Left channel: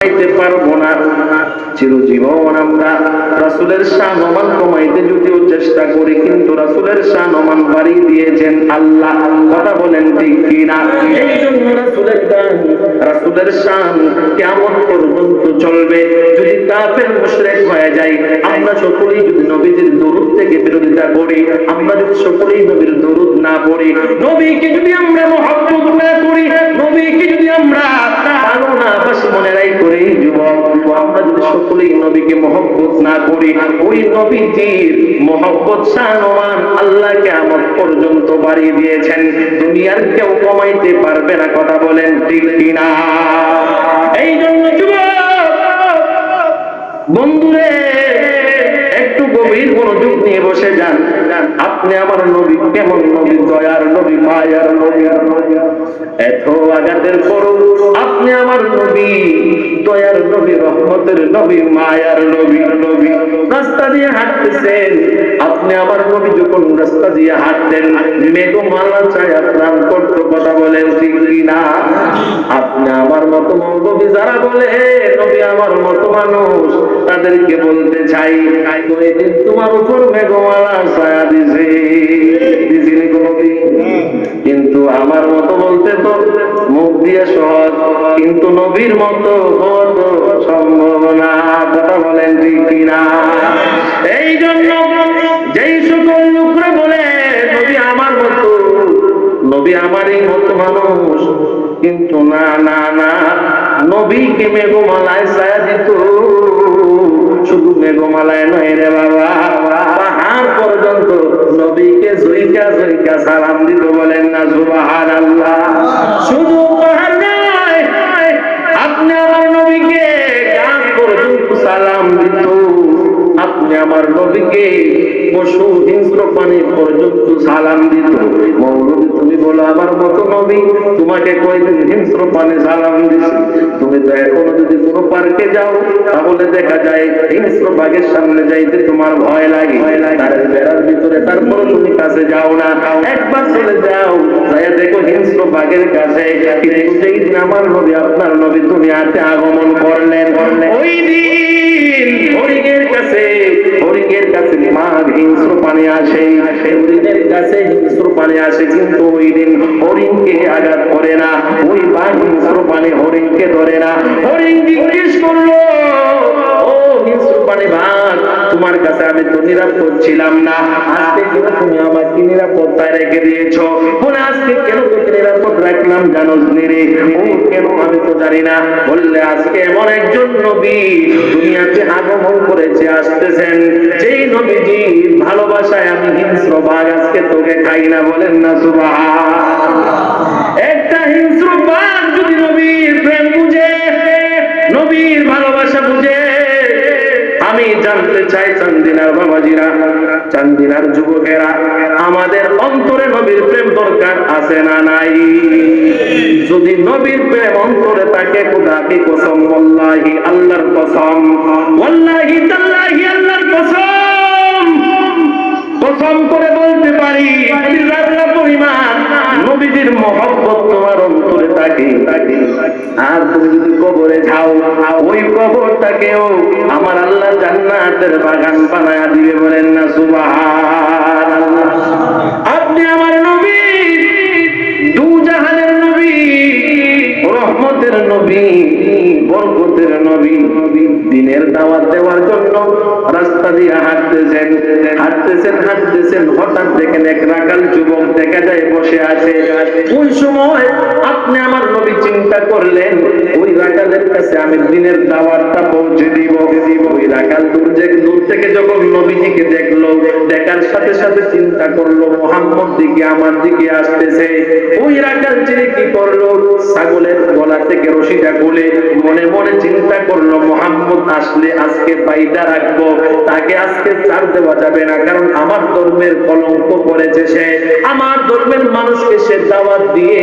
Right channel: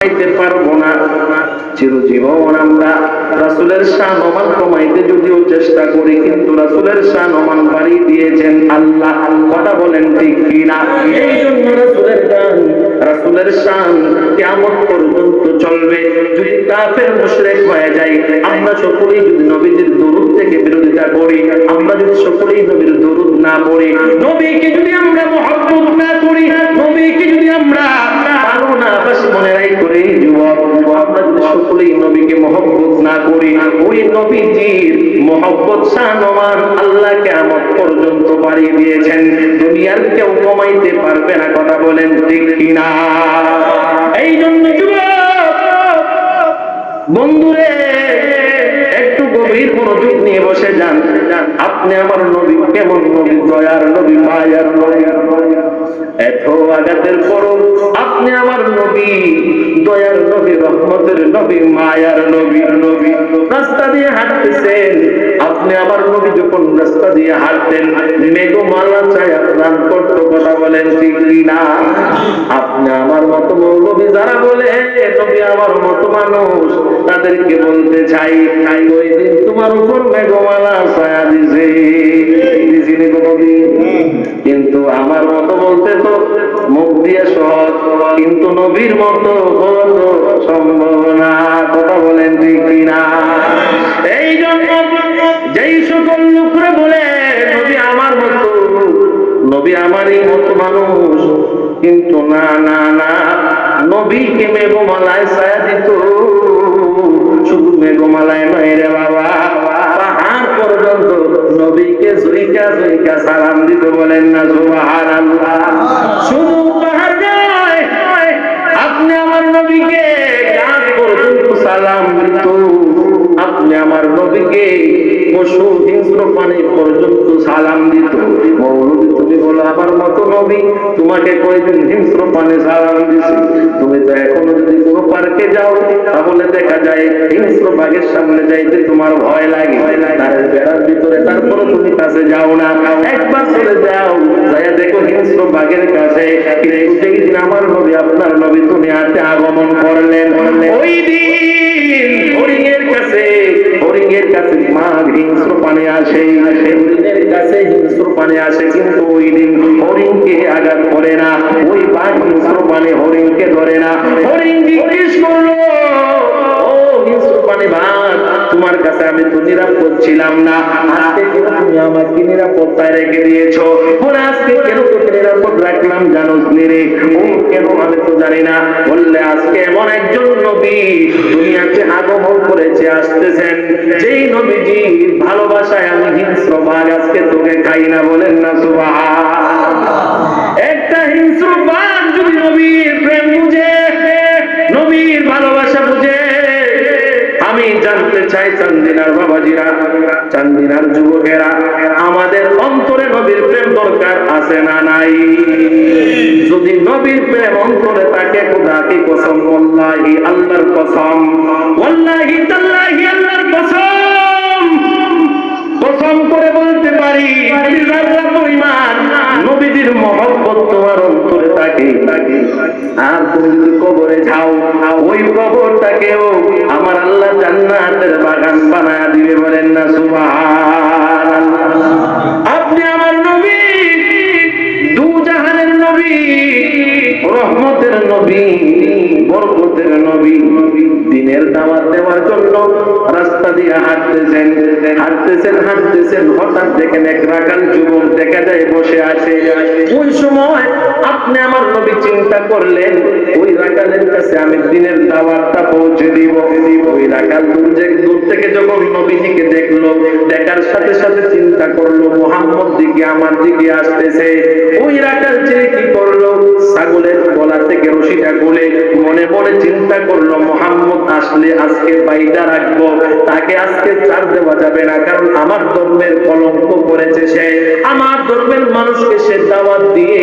কমাইতে পারব না। চিরজীবন আমরা রাসুলের শান ওমান কমাইতে যদিও চেষ্টা করি, কিন্তু রাসুলের শান ওমান বাড়িয়ে দিয়েছেন আল্লাহ। কথা বলেন ঠিক কিনা? এই জন্য রাসুলের গান, রাসুলের শান কেমন পর্যন্ত চলবে। যদি কাফের মুশরিক হয়ে যায় আমরা সকলেই যদি নবীজির দরুদ থেকে বিরোধিতা করি, আমরা যদি সকলেই নবীর দরুদ না পড়ি, নবীকে যদি আমরা মহব্বত না করি, নবীকে যদি আমরা ভালো না মনে রাই করি, যুবক আমরা যদি সকলেই নবীকে মহব্বত না করি, ওই নবীজির মহব্বত সানমান আল্লাহ কেমন পর্যন্ত বাড়িয়ে দিয়েছেন। দুনিয়ার কেউ কমাইতে পারবে না, কথা বলেন ঠিক কিনা? এই জন্য যুবক, বন্ধুরে গভীর মনোযোগ নিয়ে বসে যান। আপনি আমার নবী, কেমন নবী? দয়ার নবী, মায়ার নবী। এত আঘাতের পরও আপনি আমার নবী, দয়ার নবী, রহমতের নবী, মায়ার নবী। নবী রাস্তা দিয়ে হাঁটতেছেন। আপনি আমার নবী যখন রাস্তা দিয়ে হাঁটতেন, মেঘমালা ছায়া প্রাণ করত কথা বলেন ঠিক কিনা? আপনি আমার মতো মৌলবী যারা বলে নবী আমার মতো মানুষ, তাদেরকে বলতে চাই। তোমার উপর মেঘমালা ছায়া দিছে। দিছিনি কোনদিন। কিন্তু আমার মতো বলতে তো মুখ দিয়ে সহজ, কিন্তু নবীর মতো হওয়া সম্ভব না। কথা বলেন ঠিক কিনা? এই জন্য যেই সকল লোকরে বলে, নবী আমার মতো, নবী আমারই মতো মানুষ। কিন্তু না না না, নবীকে মেঘমালায় ছায়া দিত। শুধু মেঘমালায় নয় রে বাবা। পাহাড় পর্যন্ত নবীকে জৈকা জৈকা সালাম দিত বলেন না সুবাহান আল্লাহ শুধু পাহাড় নয় আপনি আমার নবীকে গাছ পর্যন্ত সালাম দিত। আপনি আমার নবীকে পশু, হিংস্র পানি পর্যন্ত সালাম দিত। মৌলবী, তুমি বলো, আমার মতো নবী? তোমাকে কয়দিন হিংস্র পানি সালাম দিছি। তুমি তো এখনও যদি কোনো পার্কে যাও, তাহলে দেখা যায় হিংস্র বাঘের সামনে যাইতে তোমার ভয় লাগে। বেড়ার ভিতরে তারপরে তুমি কাছে যাও না। একবার চলে যাও, যাইয়া দেখো হিংস্র বাঘের কাছে। কিন্তু দিন আমার নবী, আপনার নবী দুনিয়াতে আগমন করলেন। ওই দিন হরিং এর কাছে হরিং এর কাছে মাঘ হিংস্র পানি আসে। হরিণের কাছে হিংস্র পানি আসে কিন্তু ওই দিন হরিণকে আঘাত করে না। ওই বাঘ হিংস্র পানি হরিণকে ধরে না। হরিণ জিজ্ঞেস করল ও হিংস্র পানি ভাগ তোমার কাছে আমি তো নিরাপদ ছিলাম না। আজকে কেন তুমি আমাকে নিরাপত্তায় রেখে দিয়েছ? আজকে কেন তোকে নিরাপদ রাখলাম জানোস নিরে ও কেন আমি তো জানি না, বললে আজকে এমন একজন নবী দুনিয়াতে আগমন করেছে, আসতেছেন। যেই নবীজির ভালোবাসায় আমি হিংস্র বাঘ আজকে তোকে খাই না বলেন না সুবাহ একটা হিংস্র বাঘ যদি নবীর প্রেম বুঝে, নবীর ভালোবাসা বুঝে আমি জানতে চাই চান্দিনার বাবাজিরা, চান্দিনার যুবকেরা, আমাদের অন্তরে নবীর প্রেম দরকার আছে না নাই? যদি নবীর প্রেম অন্তরে তাকে খোদাকে কসম? ওয়াল্লাহি আল্লাহর কসম। ওয়াল্লাহি তাল্লাহি আল্লাহর কসম। কসম করে বলতে পারি যারা পরিমাণ। নবীজির মহব্বত তোমার অন্তরে থাকে। আর তুমি যদি কবরে যাও ওই কবরটাকেও আমার আল্লাহ জান্নাতের বাগান বানায় দিবে বলেন না সুবাহ আপনি আমার নবী। দু জাহানের নবী, রহমতের নবী, বরকতের নবী। দিনের দাওয়াত দেওয়ার জন্য রাস্তা দিয়ে হাঁটতেছেন হাঁটতেছেন হাঁটতেছেন। হঠাৎ দেখেন এক রাখাল যুবক দেখা যায় বসে আছে। ওই সময় আপনি আমার নবী চিন্তা করলেন, ওই রাখালের কাছে আমি দিনের দাওয়াতটা পৌঁছে দিব। ওই রাখাল দূর দূর থেকে যখন নবীজিকে দেখল, দেখার সাথে সাথে চিন্তা করল, মোহাম্মদ দিকে আমার দিকে আসতেছে। ওই রাখাল ছেলে কি করল? ছাগলের গলা থেকে রশিটা খুলে মনে মনে চিন্তা করল, মোহাম্মদ, আসলে আজকে বাইদা রাখব। তাকে আজকে ছাড় দেওয়া যাবে না, কারণ আমার ধর্মের কলঙ্ক করেছে সে। আমার ধর্মের মানুষকে সে দাওয়াত দিয়ে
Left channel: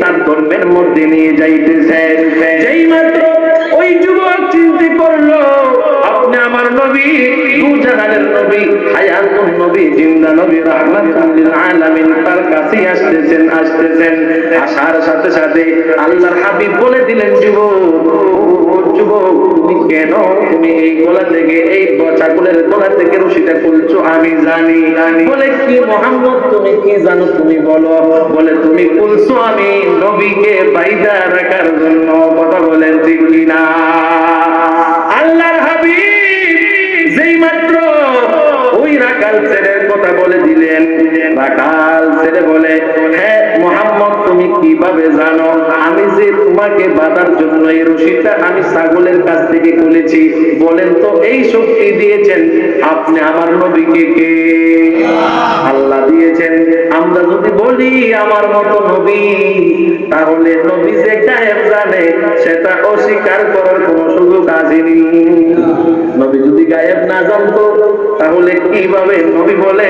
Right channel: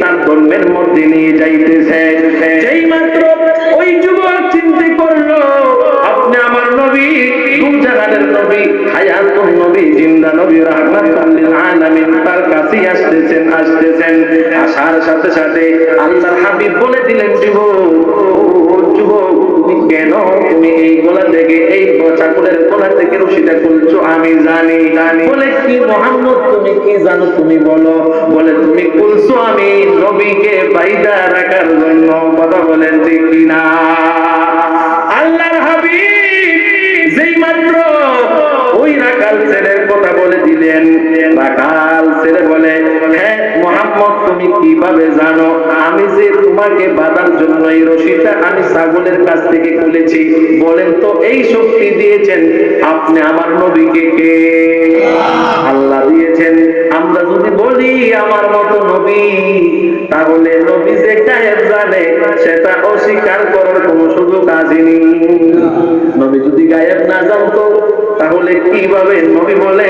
তার ধর্মের মধ্যে নিয়ে যাইতেছে। যেই মাত্র ওই যুবক চিন্তা করল, আপনি আমার নবী দু জাহানের নবী, হায়াতুন নবী, জিন্দা নবী রাহমাতুল লিল আলামিন, তার কাছেই আসতেছেন। আসতেছেন আসার সাথে সাথে আল্লাহর হাবিব বলে দিলেন যুবক যুবক তুমি কেন তুমি এই গলা থেকে এই ছাগলের গলা থেকে রশিটা খুলছো? আমি জানি। জানি। বলে কি মোহাম্মদ তুমি কি জানো? তুমি বলো। বলে তুমি খুলছো আমি নবীকে বাইদা রাখার জন্য। কথা বলেন ঠিক কিনা? আল্লাহর হাবিব যেই মাত্র ওই রাকাল ছেলের কথা বলে দিলেন, রাকাল ছেলে বলে হ্যাঁ মোহাম্মদ, তুমি কীভাবে জানো? আমি যে তোমাকে বাঁধার জন্য এই রশিটা আমি ছাগলের কাছ থেকে খুলেছি। বলেন তো, এই শক্তি দিয়েছেন আপনি আমার নবীকে কে? আল্লাহ দিয়েছেন, আমরা যদি বলি আমার মতো নবী, তাহলে নবী যে গায়েব জানে, সেটা অস্বীকার করার কোনো সুযোগ আসেনি। নবী যদি গায়েব না জানতো, তাহলে কীভাবে নবী বলে,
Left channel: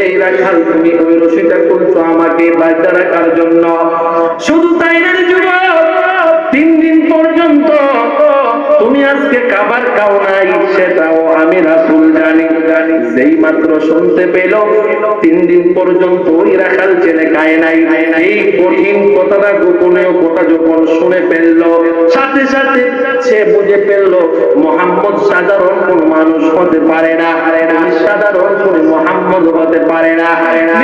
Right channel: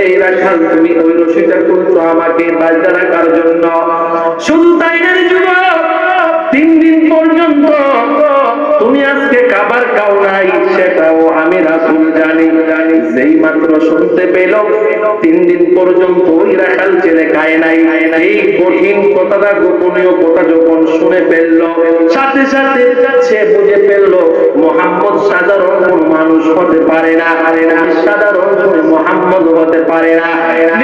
এই রাখাল, তুমি ওই রশিটা খুলছো আমাকে বাজা রাখার জন্য? শুধু তাই না যুবক, তিন দিন পর্যন্ত তুমি আজকে খাবার খাও নাই, সেটাও আমি রাসুল জানি। জানি যেই মাত্র শুনতে পেল, তিন দিন পর্যন্ত ওই রাখাল ছেলে খায় নাই। এই কঠিন কথাটা গোপনীয় কথা যখন শুনে ফেলল, সাথে সাথে সে বুঝে ফেলল, মোহাম্মদ সাধারণ কোন হতে পারে না সাধারণ কোন মোহাম্মদ হতে পারে না।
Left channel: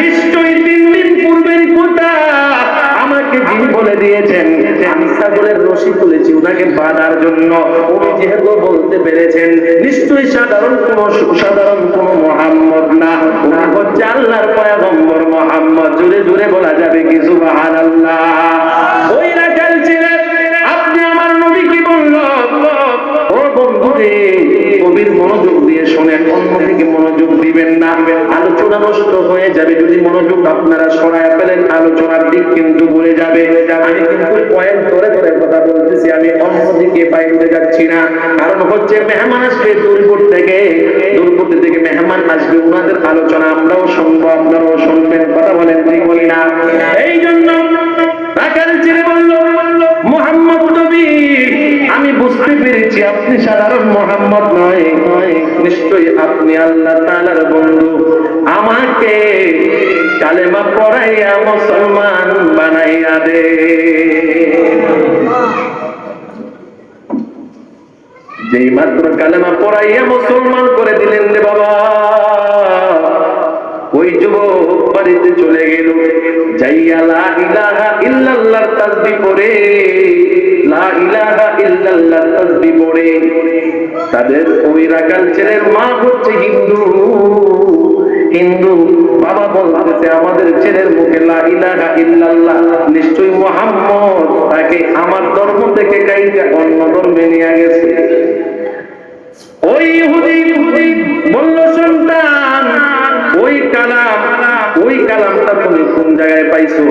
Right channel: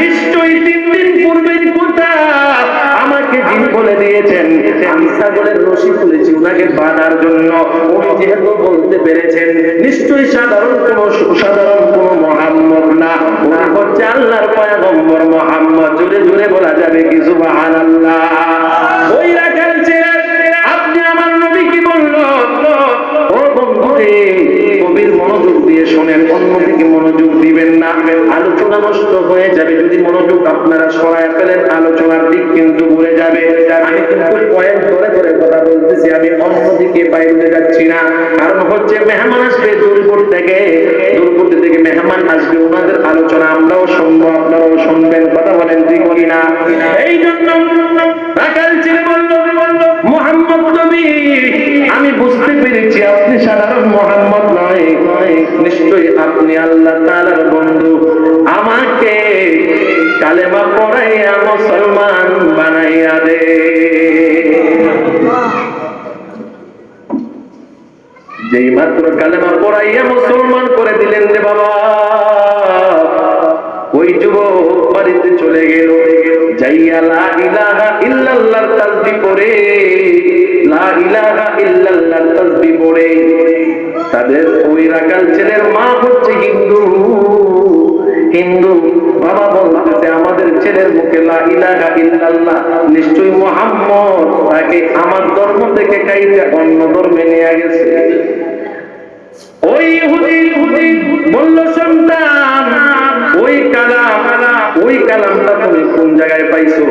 নিশ্চয়ই তিন দিন পূর্বের কথা আমাকে যিনি বলে দিয়েছেন, আমি ছাগলের রশি তুলেছি উনাকে বাঁধার জন্য। উনি যেহেতু বলতে পেরেছেন, নিশ্চয়ই সাধারণ কোন সাধারণ কোন মোহাম্মদ না। উনি হচ্ছে আল্লাহর পয়গম্বর মোহাম্মদ। জুড়ে জুড়ে বলা যাবে কিছু সুবাহান আল্লাহ ওই রাখাল ছেলে আপনি আমার নবী কি বলল? ও বন্ধু রে কবির মনোযোগ দিয়ে শোনেন, অন্যদিকে মনোযোগ দিবেন না। আলোচনা নষ্ট হয়ে যাবে, যদি মনোযোগ আপনারা সরায় ফেলেন, আলোচনার দিক কিন্তু ঘুরে যাবে। কথা বলতেছি, আমি অন্যদিকে বাইরে যাচ্ছি না। কারণ হচ্ছে মেহমান আসবে দূরপুর থেকে। দূরপুর থেকে মেহমান আসবে ওনাদের আলোচনা আমরাও শুনব, আপনারাও শুনবেন, কথা বলেন ঠিক বলি না এই জন্য রাখাল ছেলে বলল, মোহাম্মদ নবী। আমি বুঝতে পেরেছি আপনি সাধারণ মোহাম্মদ নয়। নিশ্চয়ই আপনি আল্লাহ তাআলার বন্ধু। আমাকে কালেমা পড়াইয়া মুসলমান বানাইয়া দে। যেই মাত্র কালেমা পড়াইয়া মুসলমান করে দিলেন রে বাবা। ওই যুবক বাড়িতে চলে গেল। তাদের ওই রাকাল ছেলের মা হচ্ছে হিন্দু। হিন্দু, বাবা বলতেছে, আমাদের ছেলের মুখে লা ইলাহা ইল্লাল্লাহ, নিশ্চয়ই মোহাম্মদ, তাকে আমার ধর্ম থেকে কাইটা অন্য ধর্মে নিয়ে গেছে। ওই বলল সন্তান, ওই কালাম, ওই কালামটা তুমি কোন জায়গায় পাইছো?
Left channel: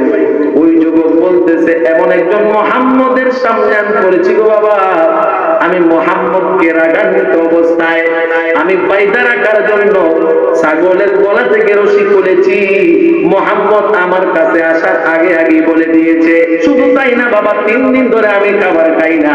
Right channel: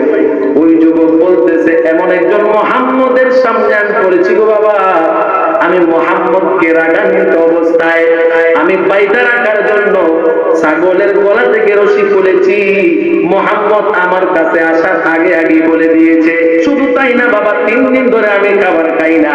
ওই যুবক বলতেছে, এমন একজন মোহাম্মদের সামনে আমি পড়েছি গো বাবা। আমি মোহাম্মদকে রাগান্বিত অবস্থায়, আমি রাখার জন্য ছাগলের গলা থেকে রশি খুলেছি মোহাম্মদ আমার কাছে আসার আগে আগে বলে দিয়েছে, শুধু তাই না বাবা, তিন দিন ধরে আমি খাবার খাই না।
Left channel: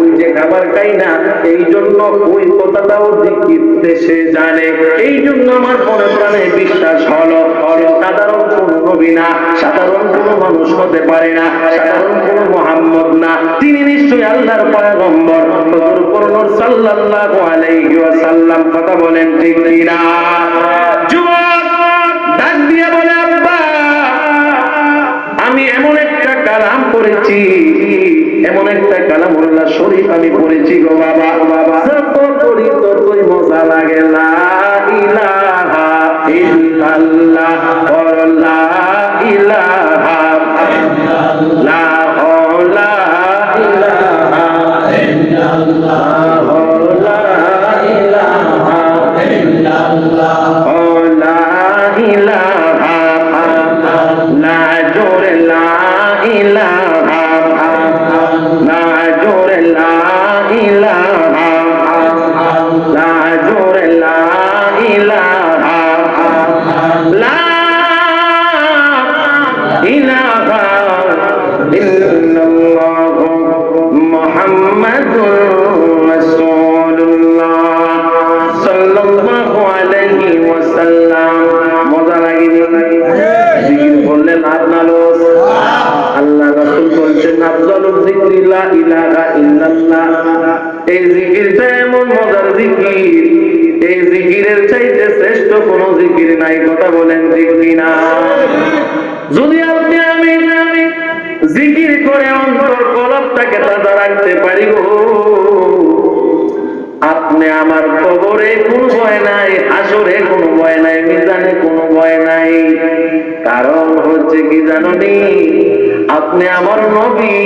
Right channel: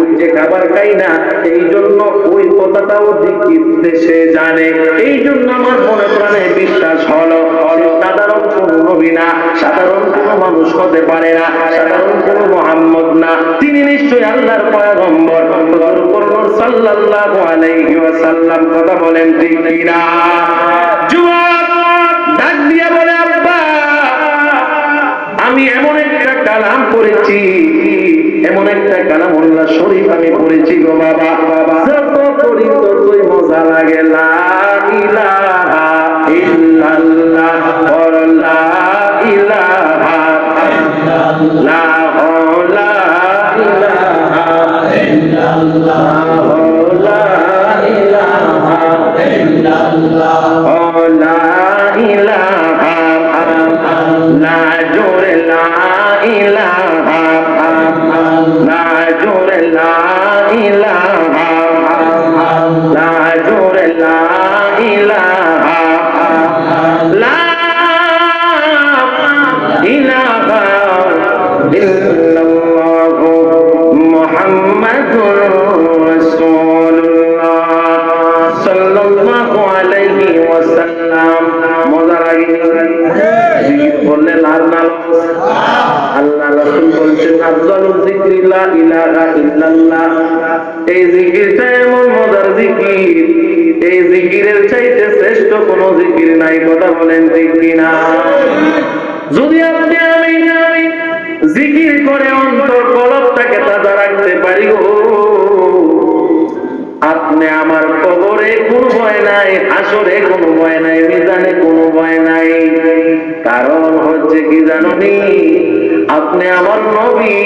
ওই যে খাবার খাই না এই জন্য ওই কথাটাও দিকিতে সে জানে। এই জন্য আমার মনে প্রাণে বিশ্বাস হলো হলো সাধারণ কোন নবী না, সাধারণ কোন মানুষ হতে পারে না, সাধারণ কোন মোহাম্মদ না। তিনি নিশ্চয়ই আল্লাহর পয়গম্বর। হুজুর পরনুর সাল্লাল্লাহু আলাইহি ওয়াসাল্লাম কথা বলেন ঠিক কিনা? যুবক, ডাক দিয়া বলে, আব্বা। আমি এমন একটা কালাম পড়েছি, এমন একটা কালাম উল্লাহ শরীফ আমি পড়েছি গো বাবা। বাবা যত পড়ি ততই মজা লাগে, লা ইলাহা লা ইলাহা লা লা ইলাহা ইল্লাল্লাহ লা লা ইল্লাল্লাহু। জিকির। শ্রেষ্ঠ কোন জিকির নাই কথা বলেন ঠিক কিনা? যদি আপনি আমি আমি জিকির করে অন্তর কলবটাকে তাজা রাখতে পারি গো। আপনি আমার কবরে কোনো ভয় নাই, হাসরে কোনো ভয় নাই, মিজানে কোনো ভয় নাই। কারণ হচ্ছে কি জাননি? আপনি আমার নবী।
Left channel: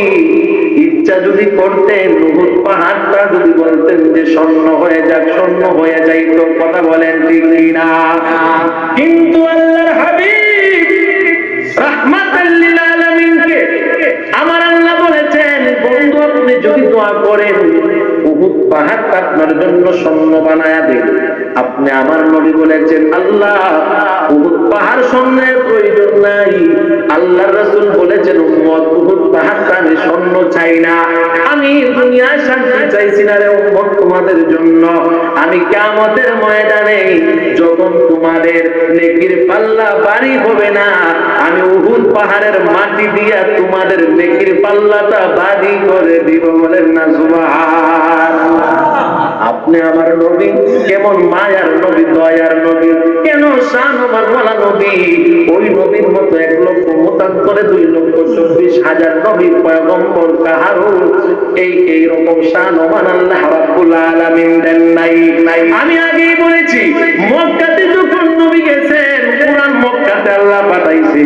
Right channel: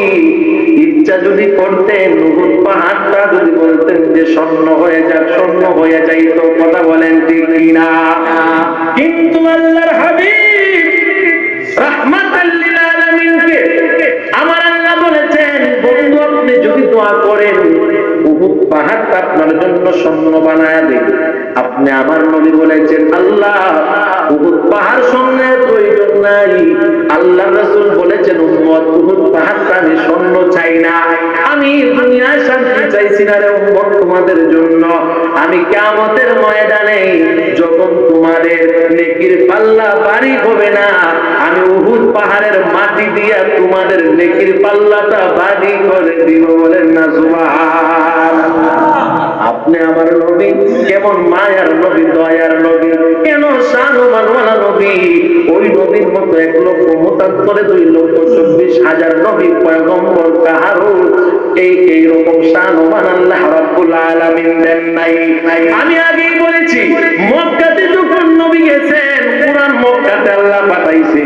ইচ্ছা যদি করতেন নুহুদ পাহাড়টা যদি বলতেন যে স্বর্ণ হয়ে যাক, স্বর্ণ হয়ে যাইতো কথা বলেন ঠিক কিনা? কিন্তু আল্লাহর হাবিব রাহমাতাল্লিল আলামিনকে আমার আল্লাহ বলেছেন আপনি যদি দোয়া করেন, উহুদ পাহাড়টা আপনার জন্য স্বর্ণ বানায়া দিন আপনি আমার নবী বলেছেন, আল্লাহ, উহুদ পাহাড় স্বর্ণের প্রয়োজন নাই। আল্লাহর রাসূল বলেছেন, উম্মত, উহুদ পাহাড়টা আমি স্বর্ণ চাই না। আমি দুনিয়ায় শান্তি চাইছি না রে উম্মত তোমাদের জন্য। আমি কিয়ামতের ময়দানে যখন তোমাদের নেকির পাল্লা বাড়ি হবে না, আমি উহুদ পাহাড়ের মাটি দিয়া তোমাদের নেকির পাল্লাটা বাড়ি করে দিব বলেন না সুবহান আপনি আমার নবী? কেমন মায়ার নবী, দয়ার নবী? কেন শাহমানওয়ালা নবী? ওই নবীর মতো এক লক্ষ মতান্তরে দুই লক্ষ চব্বিশ হাজার নবী পয়গম্বর কাহারও এই এই রকম শাহমান আল্লাহ রাব্বুল আলামিন দেন নাই। আমি আগেই বলেছি, মক্কাতে যখন নবী গেছেন, কোরআন মক্কাতে আল্লাহ পাঠাইছে।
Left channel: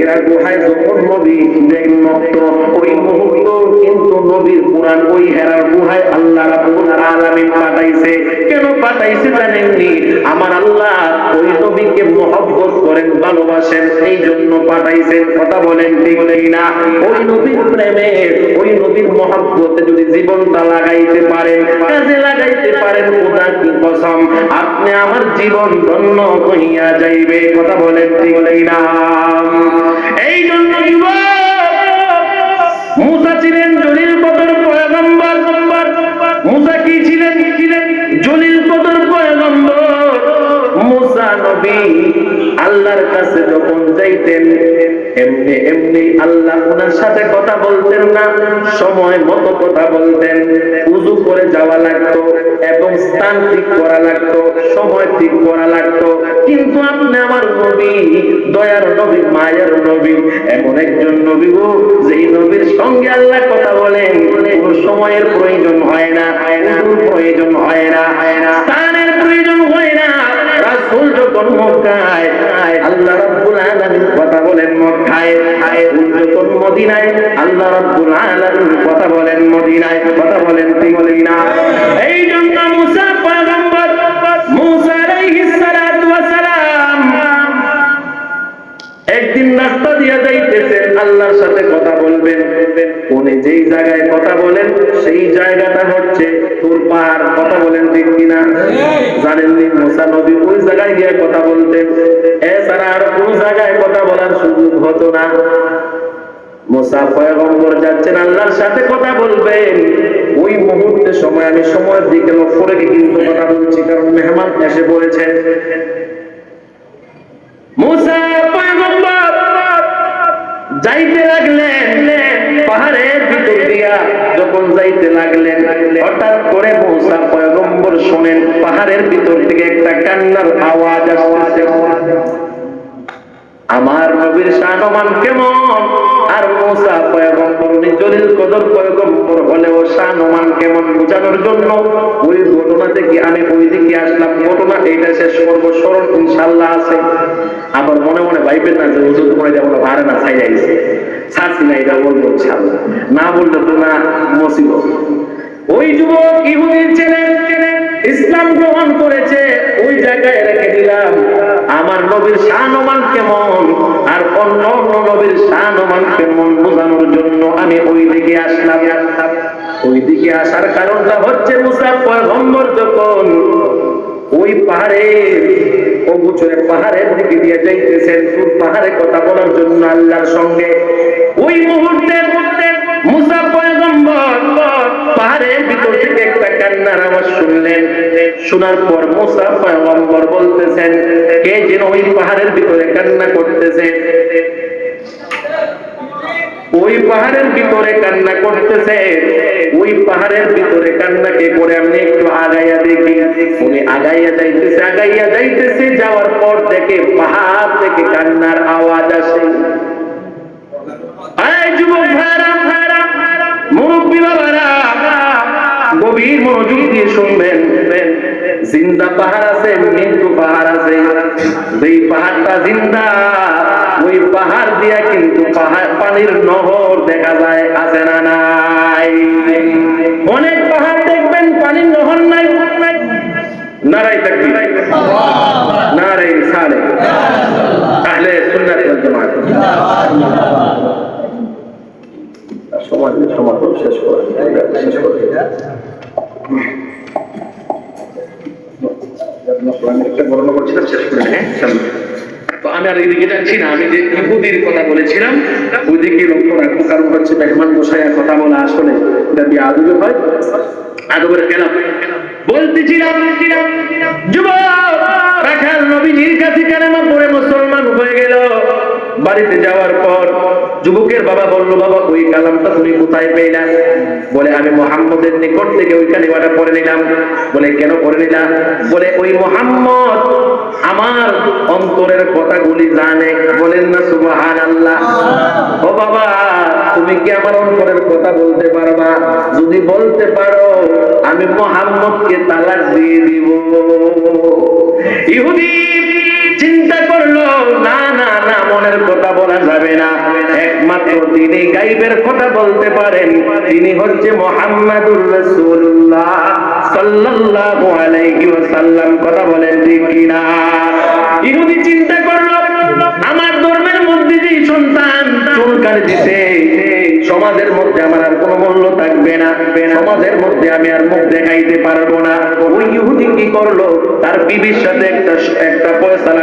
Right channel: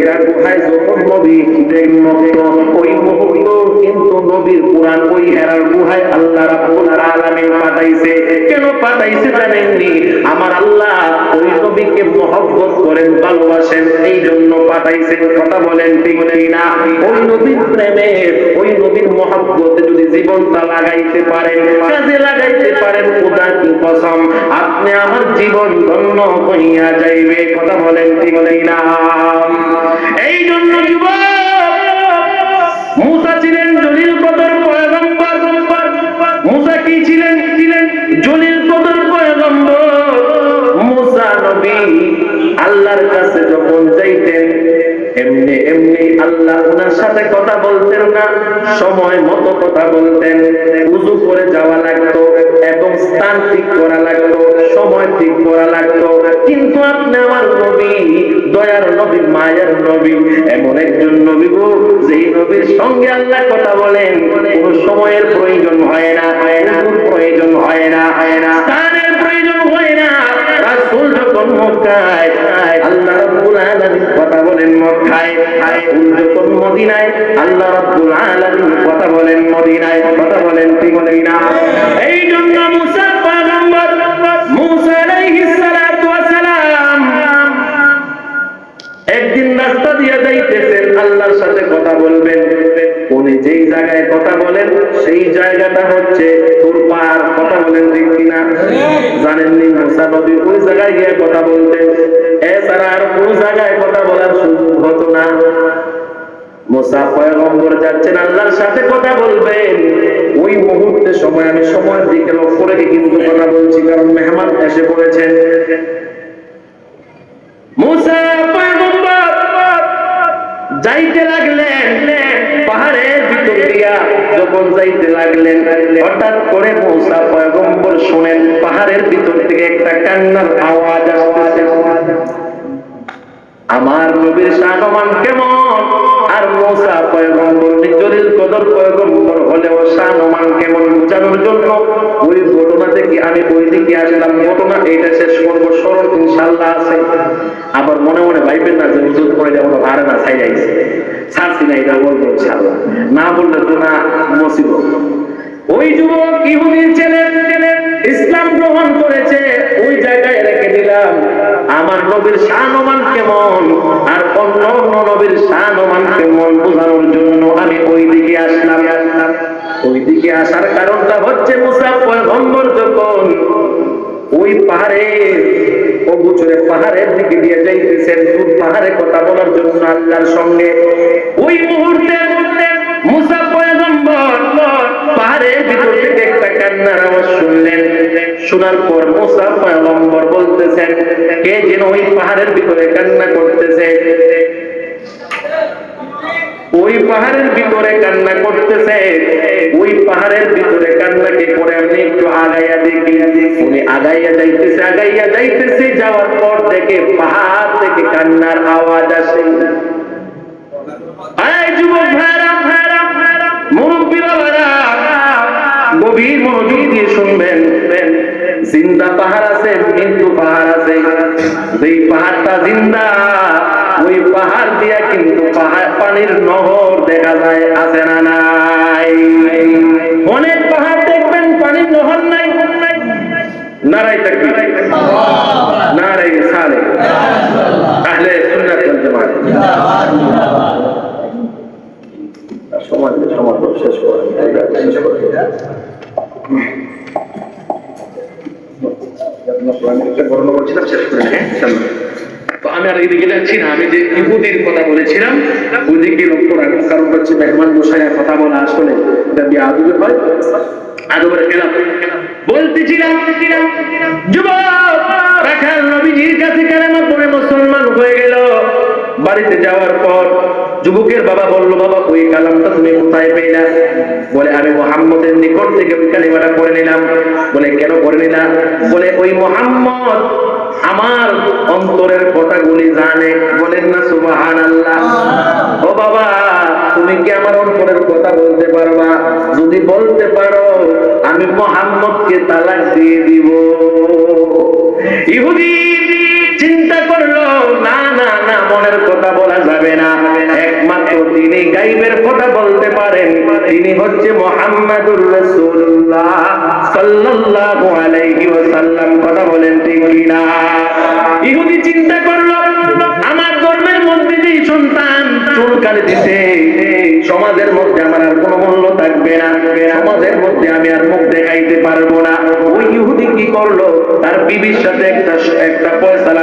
এরা গুহায় যখন নবী দেখেন মক্ত ওই মুহূর্ত কিন্তু নবীর কোরআন ওই হেরার গুহায় আল্লাহ রাব্বুল আলামিন পাঠাইছে, কেন পাঠাইছে জানেননি? আমার আল্লাহ ওই নবীকে মহব্বত করেন, ভালোবাসেন এই জন্য পাঠাইছেন। কথা বলেন ঠিক না ওই নবীর প্রেমে, ওই নবীর মহব্বতে যদি জীবনটা লাগাইতে পারেন, কাজে লাগাইতে পারেন, খোদা কি কসম? আপনি আমার জীবন ধন্য হইয়া যাইবে। কথা বলেন ঠিক না এই জন্য যুবক মুসা ছিলেন জলিল কদর পয়গম্বর। মুসা কি ছিলেন? ছিলেন জলিল কদর পয়গম্বর। মুসা নবী আল্লাহর কাছে যখন যাইতেন, এমনি এমনি আল্লাহ ওনার সাথে কথা বলতেন না, সময় মতো কথা বলতেন। উজু করে যাওয়া লাগতো এবং স্থান ঠিক করা লাগতো, সময় ঠিক করা লাগতো। কিন্তু আপনি আমার নবী, দয়ার নবী, মায়ের নবী, এমন একজন নবী গো, যেই নবীর সঙ্গে আল্লাহ কথা বলেন, কোন সময়ের প্রয়োজন হয় না উজুর প্রয়োজন হয় না হয় না। স্থানের প্রয়োজন হয় না। রাসূল যখন মক্কায়, আল্লাহ রাব্বুল আলামিন কথা বলেন মক্কায়, রাসূল যখন মদিনায়, আল্লাহ রাব্বুল আলামিন কথা বলেন মদিনায়, কথা বলেন ঠিক না এই জন্য মুসা পয়গম্বর মুসা আলাইহিস সালাতু ওয়াস সালাম একদিন রাস্তা দিয়ে যাইতেছেন, আল্লাহর সাথে কথা বলবেন। উনি যেই জায়গায় কথা বলেন, সেই জায়গাটা হচ্ছে তোর পাহাড়। কথা বলেন ঠিক কিনা? জানেননি? মুসা নবী ওই জায়গায় গিয়ে কথা বলতেন। এছাড়া আর কোন জায়গায় কথা বলার সুযোগ হতো না। মোসা পয়গম্বর যাচ্ছেন, আল্লাহর সাথে কথা বলবেন। ওই মুহূর্তে সময়, আমি সময়ের দিকে লক্ষ্য রেখে কিন্তু কথা বলছি, কারণ মেহমান এসে পড়েছেন। যাইতে লাগলেন পাহাড়ের ভিতর দিয়া। যখন যাইতে লাগলেন, হঠাৎ করে মৌসা পয়গম্বর শোনেন পাহাড়ের ভিতর থেকে একটা কান্নার আওয়াজ আসতেছে। আমার নবীর শানমান কেমন? আর মোসা পয়গম্বর উনি জলিল কদর পয়গম্বর হলেও শানমান কেমন বোঝানোর জন্য ওই ঘটনা থেকে আমি ওই দিকে আসলাম। ঘটনা এইটা শেষ করব, স্মরণ ইনশাল্লাহ আছে। আবার মনে মনে ভাইবেন না যে হুজুর তোমার এটা মনে ভারে না ছাই যাইছে ছাড়ছি না, এটা বলব ইনশাল্লাহ না বললে তো না মসিব ওই যুবক ইহুদির ছেলে ইসলাম গ্রহণ করেছে, ওই জায়গায় রেখে দিলাম। আমার নবীর শানমান কেমন? আর অন্য অন্য নবীর শানমান কেমন বোঝানোর জন্য আমি ওই দিকে আসলাম। ওই দিকে আসার কারণটা হচ্ছে মুসা পয়গম্বর যখন ওই পাহাড়ের অগুচরে পাহাড়ের দিকে দিয়ে যাইতেছেন। তুর পাহাড়ে কথা বলার জন্য আল্লাহর সঙ্গে। ওই মুহূর্তে মুসা পাহাড়ের ভিতর থেকে একটা কান্নার আওয়াজ শুনলেন। শোনার পর মুসা পয়গম্বর বলতেছেন, কে যেন ওই পাহাড়ের ভিতরে কান্না করতেছে? ওই পাহাড়ের ভিতরে কান্না করতেছে। ওই পাহাড়ের ভিতরে কান্না কে করে আমি একটু আগাইয়া দেখি। উনি আগাইয়া যাইতেছে আগাইয়া যাইতেছে, যাওয়ার পর দেখে পাহাড় থেকে কান্নার আওয়াজ আসে। গভীর মনোযোগ দিয়ে শুনবেন। জিন্দা পাহাড় আছে, মৃত্যু পাহাড় আছে। যেই পাহাড়টা জিন্দা, ওই পাহাড় দিয়া কিন্তু পানির নহর দেখা যায়, আছে না নাই? অনেক পাহাড় দেখবেন, পানির নহর নাই। নারাই থাকবি নারাই সালে আহলে সুন্নাত ওয়াল সমাজ সমাজ শেষ করে শেষ করে হ্যাঁ? আমি আর এদিকে যাচ্ছি না, আমি যে ইহুদির কথা বলেছিলাম, ওইদিকে লক্ষ্য রাখব কারণ হচ্ছে মেহমান বসাইয়া কথা বলা আসলে এটা বিয়ে হয়। পর আমি মোহাম্মদের নিকট থেকে ওই কালিমাটা পড়ে নিলাম। বলে, কেন পড়ে নিলা? বলে, ওই মোহাম্মদ আমার অন্তরের কথাগুলি জানে। বলেন না সুবাহান আল্লাহ ও বাবা, তুমি কি আমার অন্তরের কথা বলতে পারবা? যদি বলতে পারো আমি মোহাম্মদকে তালাক দিয়ে দিব। ইহুদি চিন্তা করল, না না না, মনের কথা বলা যাবে না। একমাত্র তিনি গাইবের কথা বলতে পারেন। তিনি হচ্ছে মোহাম্মদুর রাসূলুল্লাহ সাল্লাল্লাহু আলাইহি ওয়াসাল্লাম। কথা বলেন ঠিক কিনা? ইহুদি চিন্তা করল, আমার ধর্মের মধ্যে যে সন্তান, চুলকানি দিতে সমাজের মধ্যে আমার আর কোনো মূল্য থাকবে না। সমাজের মধ্যে আমি আর মুখ দেখাইতে পারব না। ওই ইহুদি কি করল? তার বিবির সাথে একটা একটা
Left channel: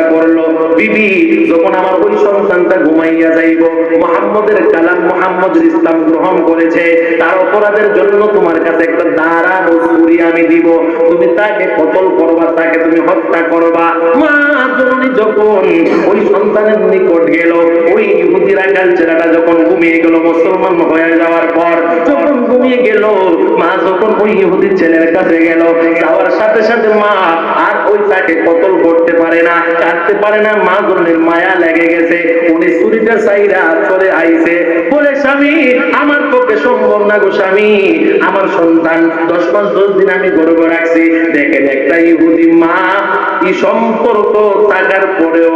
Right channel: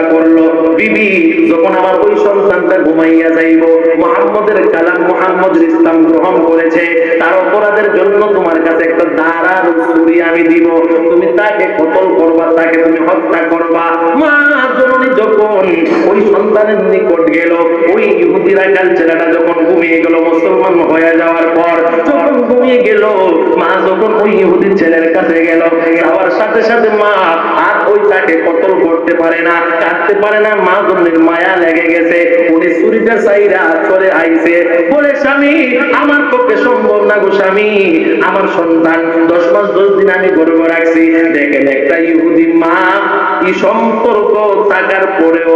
ফয়সালা করল। বিবি, যখন আমার ওই সন্তানটা ঘুমাইয়া যাইব, মোহাম্মদের কালাম মোহাম্মদের ইসলাম গ্রহণ করেছে, তার অপরাধের জন্য তোমার কাছে একটা দাঁড়ানো ছুরি আমি দিব। তুমি তাকে কতল করবা, তাকে তুমি হত্যা করবা। মা জননী যখন ওই সন্তানের নিকট গেল, ওই ইহুদি রাখাল ছেলেটা যখন ঘুমিয়ে গেল, মুসলমান হয়ে যাওয়ার পর যখন ঘুমিয়ে গেল, মা যখন ওই ইহুদি ছেলের কাছে গেল, যাওয়ার সাথে সাথে মা আর ওই তাকে কতল করতে পারে না। কাটতে পারে না, মা জননীর মায়া লেগে গেছে। উনি চুরিটা চাইরা চলে আইছে। বলে, স্বামী, আমার পক্ষে সম্ভব না গো স্বামী। আমার সন্তান, দশ মাস দশ দিন আমি গর্ব রাখছি। দেখেন একটা ইহুদি মা এই সম্পর্ক থাকার পরেও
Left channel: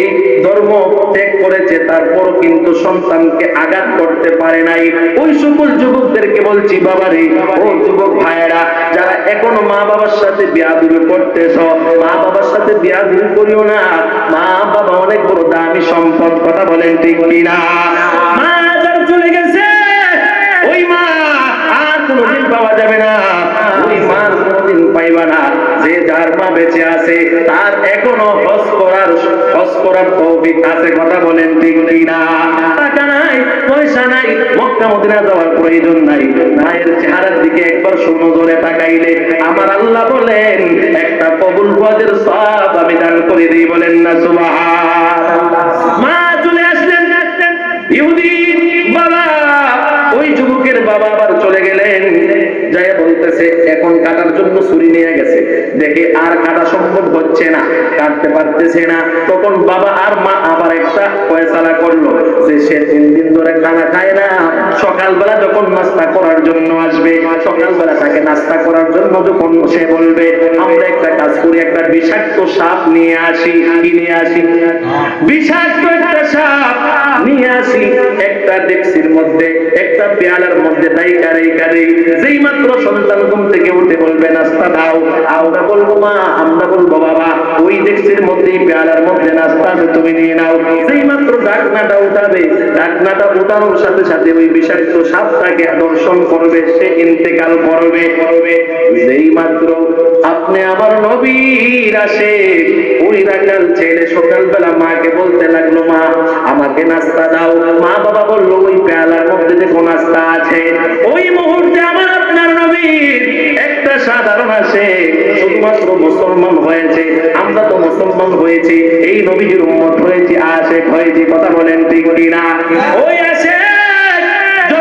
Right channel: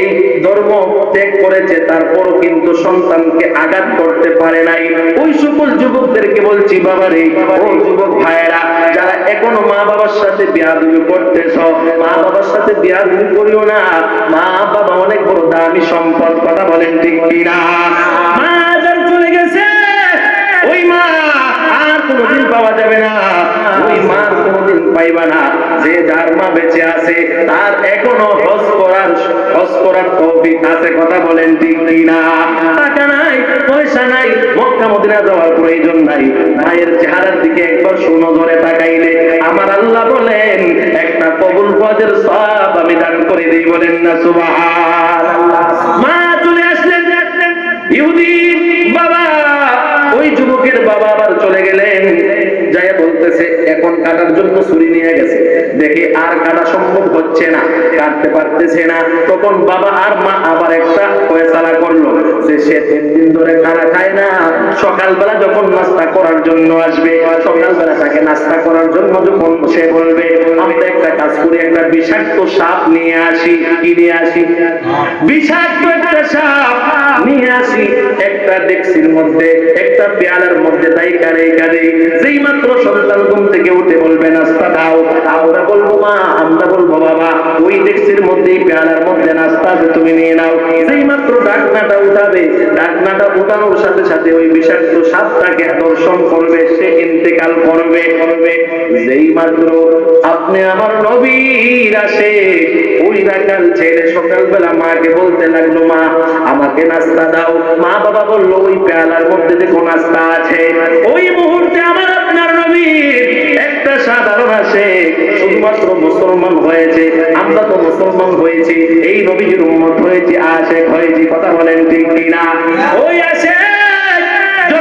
এই ধর্ম ত্যাগ করেছে, তারপরও কিন্তু সন্তানকে আঘাত করতে পারে নাই। ওই সকল যুবকদেরকে বলছি, বাবারে, ও যুবক ভাইয়েরা, যারা এখনও মা বাবার সাথে বিয়াদুবি করতেছ মা বাবার সাথে বিয়াদুবি করিও না। মা বাবা অনেক বড় দামি সম্পদ। কথা বলেন ঠিক কিনা? মা যার চলে গেছে। ওই মা আর কোনোদিন পাওয়া যাবে না। ওই মার কোনোদিন পাইবা না। যে যার মা বেঁচে আছে, তার এখনও হজ করার হজ করার তৌফিক আছে, কথা বলেন ঠিক কিনা? টাকা নাই, পয়সা নাই, মক্কা, মদিনা যাওয়ার প্রয়োজন নাই। মায়ের চেহারার দিকে একবার শোনো ধরে তাকাইলে। আমার আল্লাহ বলেন, একটা কবুল হজের সব আমি দান করে দিই। বলেন না সুবাহান মা চলে আসলেন। ইহুদি বাবা ওই যুবকের বাবা আবার চলে গেলেন। যাই বলতেছে এখন কাটার জন্য ছুরি নিয়ে গেছে। দেখে আর কাটা সম্ভব হচ্ছে না কাটতে পারতেছে না। তখন বাবা আর মা আবার একটা ফয়সালা করল যে সে তিন দিন ধরে খানা খায় না। সকালবেলা যখন নাস্তা করার জন্য আসবে সকালবেলা তাকে নাস্তা করার জন্য যখন সে বলবে আমরা একটা কাজ করি একটা বিষাক্ত সাপ নিয়ে আসি। কি নিয়ে আসি? বিষাক্ত একটা সাপ নিয়ে আসি। আসি একটা ডেক্সির মধ্যে, একটা পেয়ালার মধ্যে দাই কারে কারে। যেই মাত্র সন্তান ঘুম থেকে উঠে বলবে, নাস্তা দাও। আমরা বলব, মা, আমরা বলব, বাবা, ওই ডেক্সির মধ্যেই পেয়ালার মধ্যে নাস্তা আছে, তুমি নিয়ে নাও। যেই মাত্র ডাকনাটা উঠাবে, ডাকনাটা উঠানোর সাথে সাথে ওই বিষাক্ত সাপটাকে দর্শন করবে, সে ইন্তেকাল করবে। করবে যেই মাত্র আপনি আমার নবীর আসে ওই রাখাল ছেলে সকালবেলা মাকে বলতে লাগল, মা, আমাকে নাস্তা দাও। মা বাবা বলল, ওই পেয়ালার মধ্যে যে কোন আস্থা আছে, ওই মুহূর্তে আমার আপনার নবীর একটা সাধারণ আসে শুধুমাত্র মুসলমান হয়েছে, আমরা তো মুসলমান হয়েছি, এই নবীজির উম্মত হয়েছি, আশেক হয়েছি, কথা বলেন ঠিক কিনা? ওই আসে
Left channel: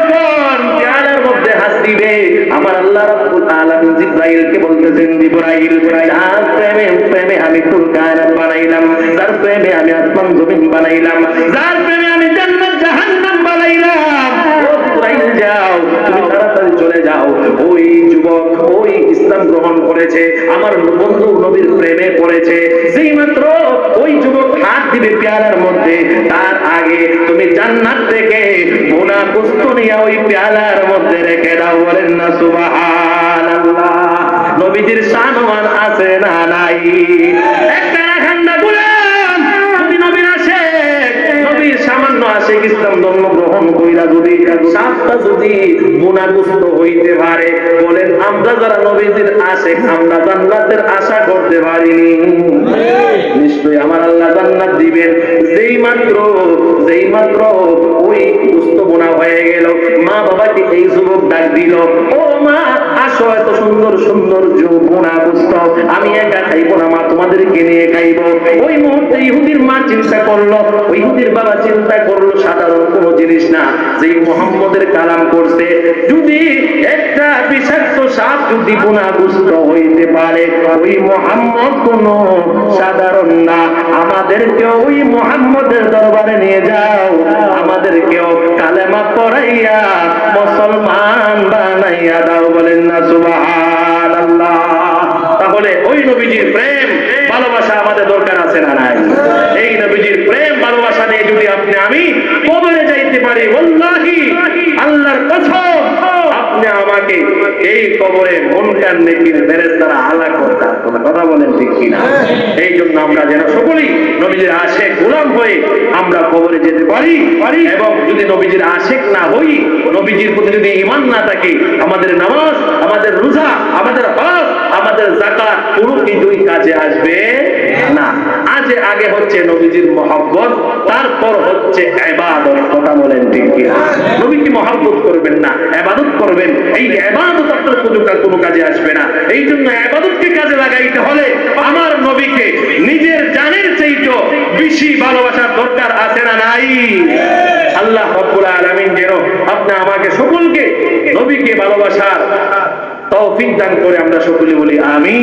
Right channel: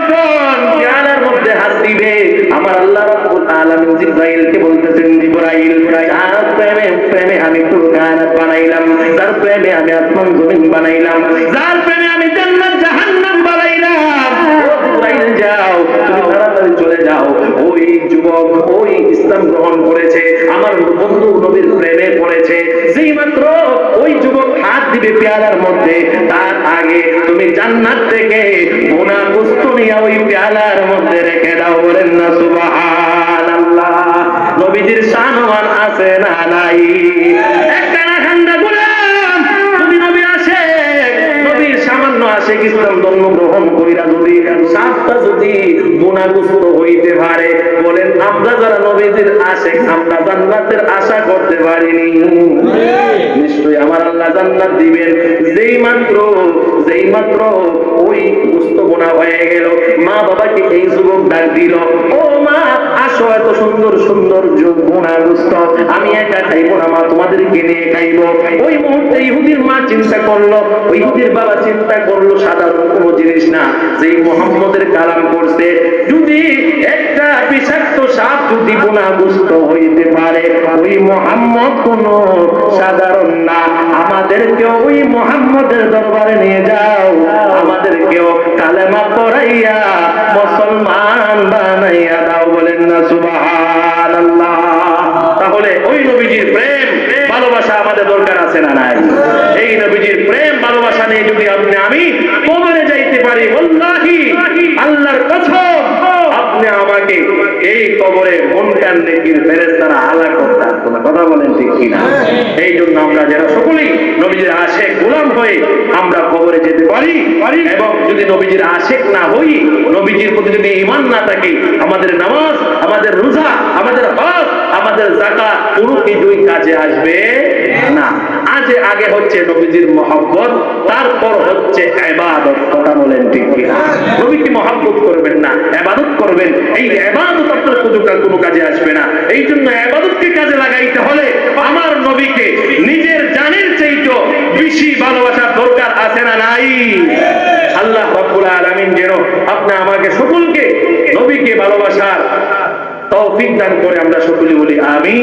যখন পেয়ালার মধ্যে হাত দিবে, আমার আল্লাহ রাব্বুল আলামিন জিব্রাইলকে বলতেছেন, জিব্রাইল যার প্রেমে প্রেমে আমি পুরো কায়নাত বানাইলাম, যার প্রেমে আমি আসমান জমিন বানাইলাম, যার প্রেমে আমি জান্নাত, জাহান্নাম বানাইলাম। ও জিব্রাইল, যাও, তুমি তাড়াতাড়ি চলে যাও। ওই যুবক, ওই ইসলাম গ্রহণ করেছে, আমার বন্ধু নবীর প্রেমে পড়েছে। যেই মাত্র ওই যুবক হাত দিবে পেয়ালার মধ্যে, তার আগে তুমি জান্নাত থেকে বোনা কুস্ত নিয়ে ওই পেয়ালার মধ্যে রেখে দাও, বলেন না সুবাহান আল্লাহ নবীজির সানমান আছে না নাই? একটা না খান্দা গুলাম যদি নবীর আসে, নবীর সামান্য আশেক ইসলাম ধর্ম গ্রহণ কইরা যদি সাতটা যদি গুণাগুস্ত হইতে পারে, বলেন, আমরা যারা নবীজির আশেক, আমরা জান্নাতের আশা করতে পারিনি। নিশ্চয়ই আমার আল্লাহ জান্নাত দিবেন। যেই মাত্র যেই মাত্র ওই গুস্ত বোনা হয়ে গেল, মা বাবাকে এই যুবক ডাক দিল, ও মা, আসো, এত সুন্দর সুন্দর বোনা গুস্ত, আমি একা খাইবো না, মা তোমাদেরকে নিয়ে খাইবো। ওই মুহূর্তে ইহুদির মা চিন্তা করল, ইহুদির বাবা চিন্তা করল, সাধারণ কোনো জিনিস না। যেই মোহাম্মদের কালাম করছে, যদি একটা বিষাক্ত সাপ যদি গুণাগুস্ত হইতে পারে, ওই মোহাম্মদ কোন সাধারণ না। আমাদেরকেও ওই মোহাম্মদের দরবারে নিয়ে যাও। আমাদেরকেও কালেমা পড়াইয়া, মুসলমান বানাইয়া দাও বলেন না সুবাহান আল্লাহ তাহলে ওই নবীজির প্রেম, ভালোবাসা আমাদের দরকার আছে না নাই? এই নবীজির প্রেম, ভালোবাসা নিয়ে যদি আপনি আমি কবরে যাইতে পারি, ওল্লাহি, আল্লাহর কসম, আপনি আমাকে এই কবরে মনকার নেকির ফেরেশতারা আলা করতে না কথা বলেন ঠিক কিনা? এই জন্য আমরা যেন সকলেই নবীজির আশেক গোলাম হয়ে আমরা কবরে যেতে পারি। এবং যদি নবীজির আশেক না হই, নবীজির প্রতি যদি ইমান না থাকে, আমাদের নামাজ, আমাদের রোজা, আমাদের হজ আমাদের জাকাত কোনো কিছুই কাজে আসবে না। আজ আগে হচ্ছে নবীজির মহব্বত, তারপর হচ্ছে এবাদত। কথা বলেন ঠিক কিনা? নবীকে মহব্বত করবেন না, এবাদত করবেন। এই এবাদত আপনার কোনো কা- কোনো কাজে আসবে না। এই জন্য এবাদতকে কাজে লাগাইতে হলে আমার নবীকে নিজের জানের চাইতে বেশি ভালোবাসার দরকার আছে না নাই? আল্লাহ রাব্বুল আলামিন যেন আপনি আমাকে সকলকে নবীকে ভালোবাসার তৌফিক দান করে আমরা সকলে বলি আমি